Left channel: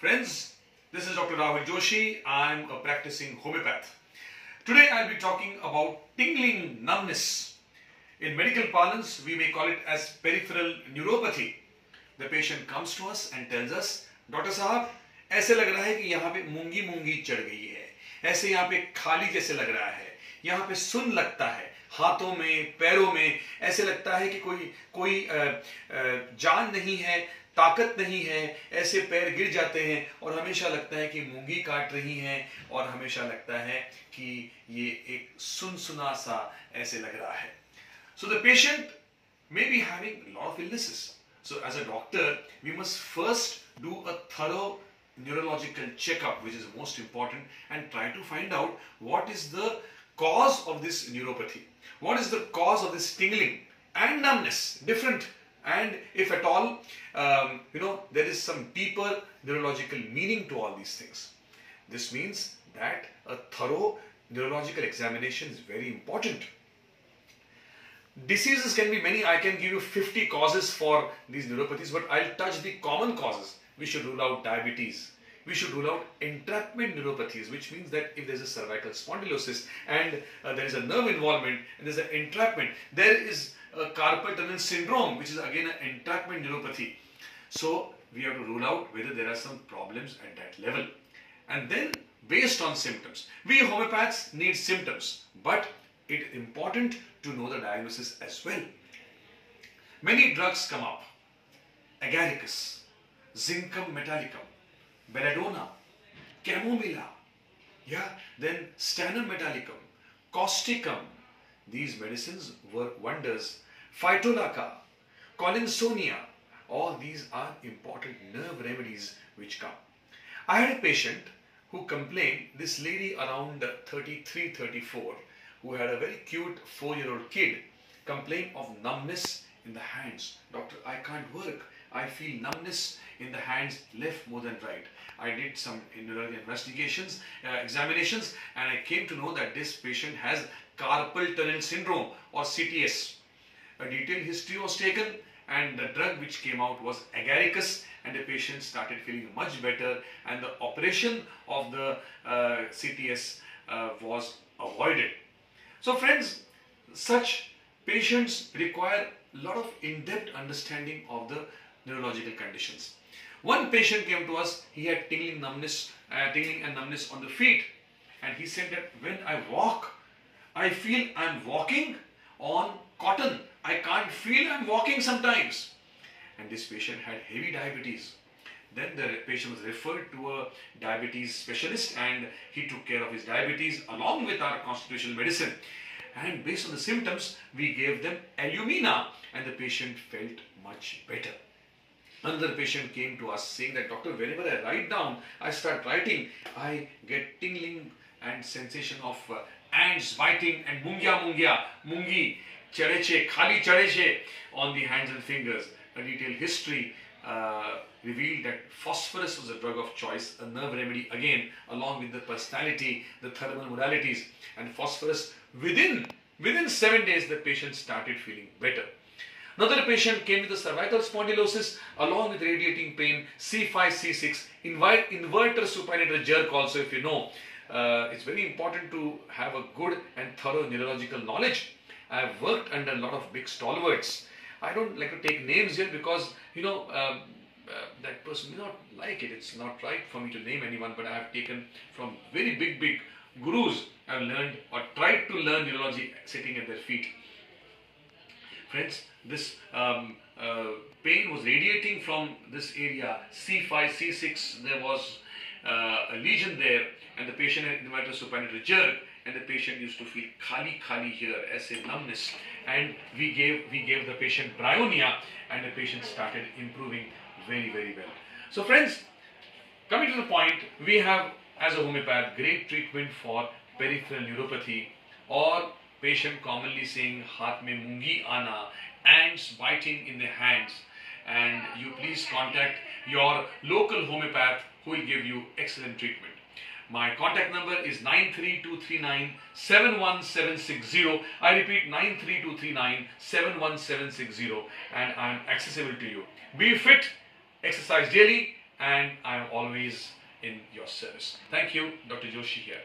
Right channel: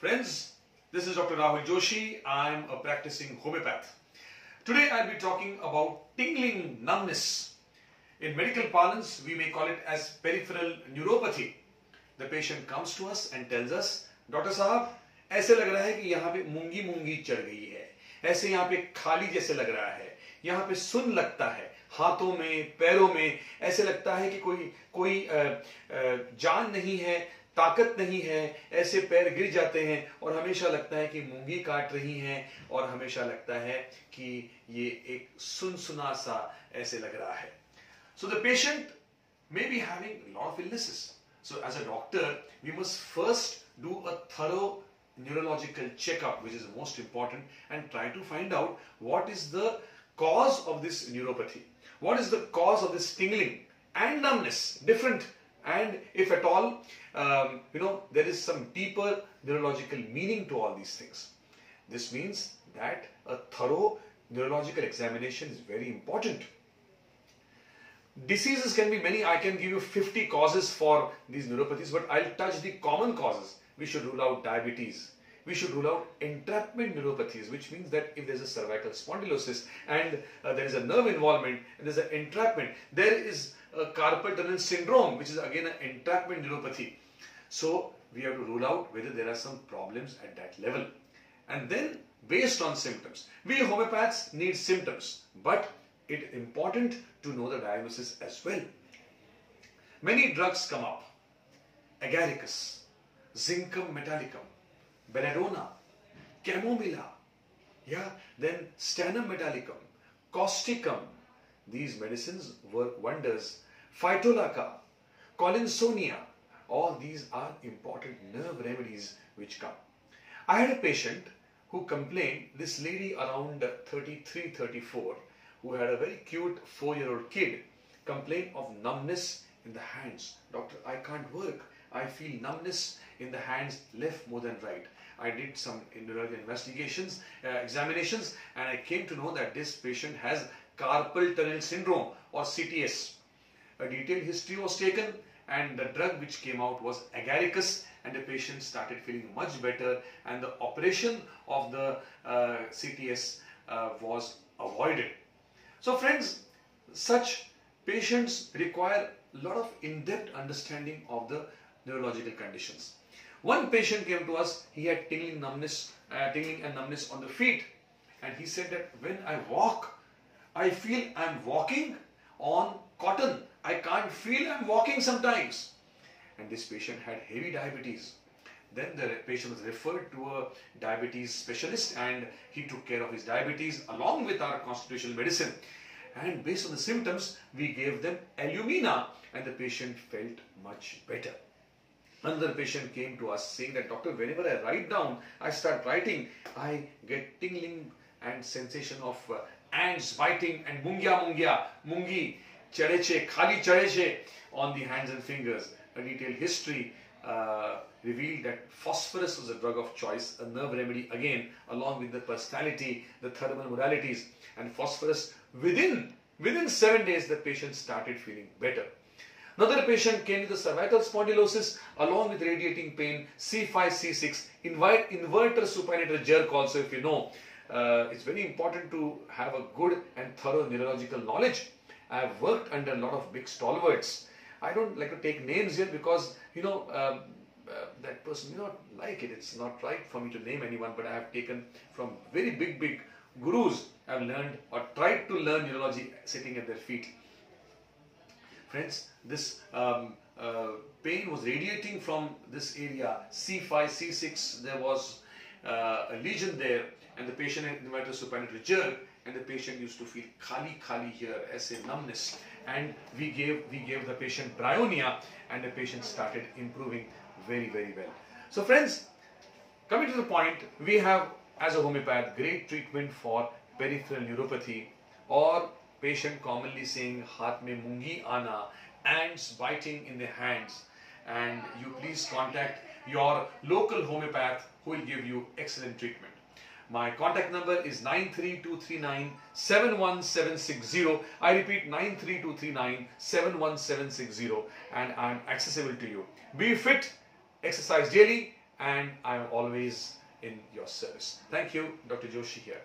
Friends, this is Dr. Rahul Joshi. I'm a practicing homeopath. Today I'll be talking about tingling numbness. In medical parlance, we may call it as peripheral neuropathy. The patient comes to us and tells us, doctor साहब ऐसे लग रहा है कि यहाँ पे मूंगी मूंगी चढ़ गई है, ऐसे यहाँ पे खाली जैसे लग रहा है, यहाँ पे सुन्न लगता है, हाथों में पैरों में ऐसे लगता है कि कोई जान नहीं है, ताकत नहीं है, ऐसे पैर गिर जाते हैं और हमेशा लगता है कि मूंगी काट रही हैं और हमेशा लगता है कि ये एक सुनसुना सा ऐसे लग रहा है. So the patient may be having a lot of illnesses. So as a doctor, we must first do a thorough neurological checkup, which is most important, and try to find out what is the cause of this neuropathy. What is the cause of this tingling and numbness, different, and if at all, there is some deeper neurological meaning to all these things. This means that a thorough neurological examination is very important. Diseases can be many. I can give you 50 causes for these neuropathies, but I'll touch the common causes. We should rule out diabetes. We should rule out entrapment neuropathies, which means that if there's a cervical spondylosis and there is a nerve involvement and there's an entrapment, there is a carpal tunnel syndrome, which is again an entrapment neuropathy. So we have to rule out whether there are some problems at that level. And then based on symptoms, we homeopaths need symptoms, but it's important to know the diagnosis as well. Many drugs come up: agaricus, zincum metallicum, belladonna, chamomilla, then stannum metallicum, causticum. These medicines work wonders. Phytolacca, collinsonia, all these are important nerve remedies which come. I had a patient who complained, this lady around 33, 34, who had a very cute 4-year-old kid, complained of numbness in the hands. Doctor, I can't work. I feel numbness in the hands, left more than right. I did some neurological investigations, examinations, and I came to know that this patient has carpal tunnel syndrome or CTS. A detailed history was taken and the drug which came out was agaricus, and the patient started feeling much better and the operation of the CTS was avoided. So friends, such patients require a lot of in-depth understanding of the neurological conditions. One patient came to us, he had tingling and numbness on the feet, and he said that when I walk, I feel I'm walking on cotton. I can't feel I'm walking sometimes. And this patient had heavy diabetes. Then the patient was referred to a diabetes specialist and he took care of his diabetes along with our constitutional medicine. And based on the symptoms, we gave them Illumina and the patient felt much better. Another patient came to us saying that, doctor, whenever I write down, I start writing, I get tingling and sensation of ants biting and mungi, chareche, khali chareche on the hands and fingers. A detailed history revealed that phosphorus was a drug of choice, a nerve remedy again, along with the personality, the thermal modalities, and phosphorus within 7 days the patient started feeling better. Another patient came with a cervical spondylosis along with radiating pain, C5, C6, inverter supinator jerk also, if you know. It's very important to have a good and thorough neurological knowledge. I have worked under a lot of big stalwarts. I don't like to take names here because, that person may not like it. It's not right for me to name anyone, but I have taken from very big gurus. I've learned or tried to learn neurology sitting at their feet. Friends, this pain was radiating from this area, C5, C6, there was a lesion there, and the patient had inverter supinator jerk, and the patient used to feel khali here as a numbness, and we gave the patient bryonia, and the patient started improving very well. So friends, coming to the point, we have as a homeopath great treatment for peripheral neuropathy or patient commonly saying haath mein mungi aana, ants biting in the hands, and you please contact your local homeopath who will give you excellent treatment. My contact number is 93239-71760. I repeat, 93239-71760, and I am accessible to you. Be fit, exercise daily, and I am always in your service. Thank you, Dr. Joshi here.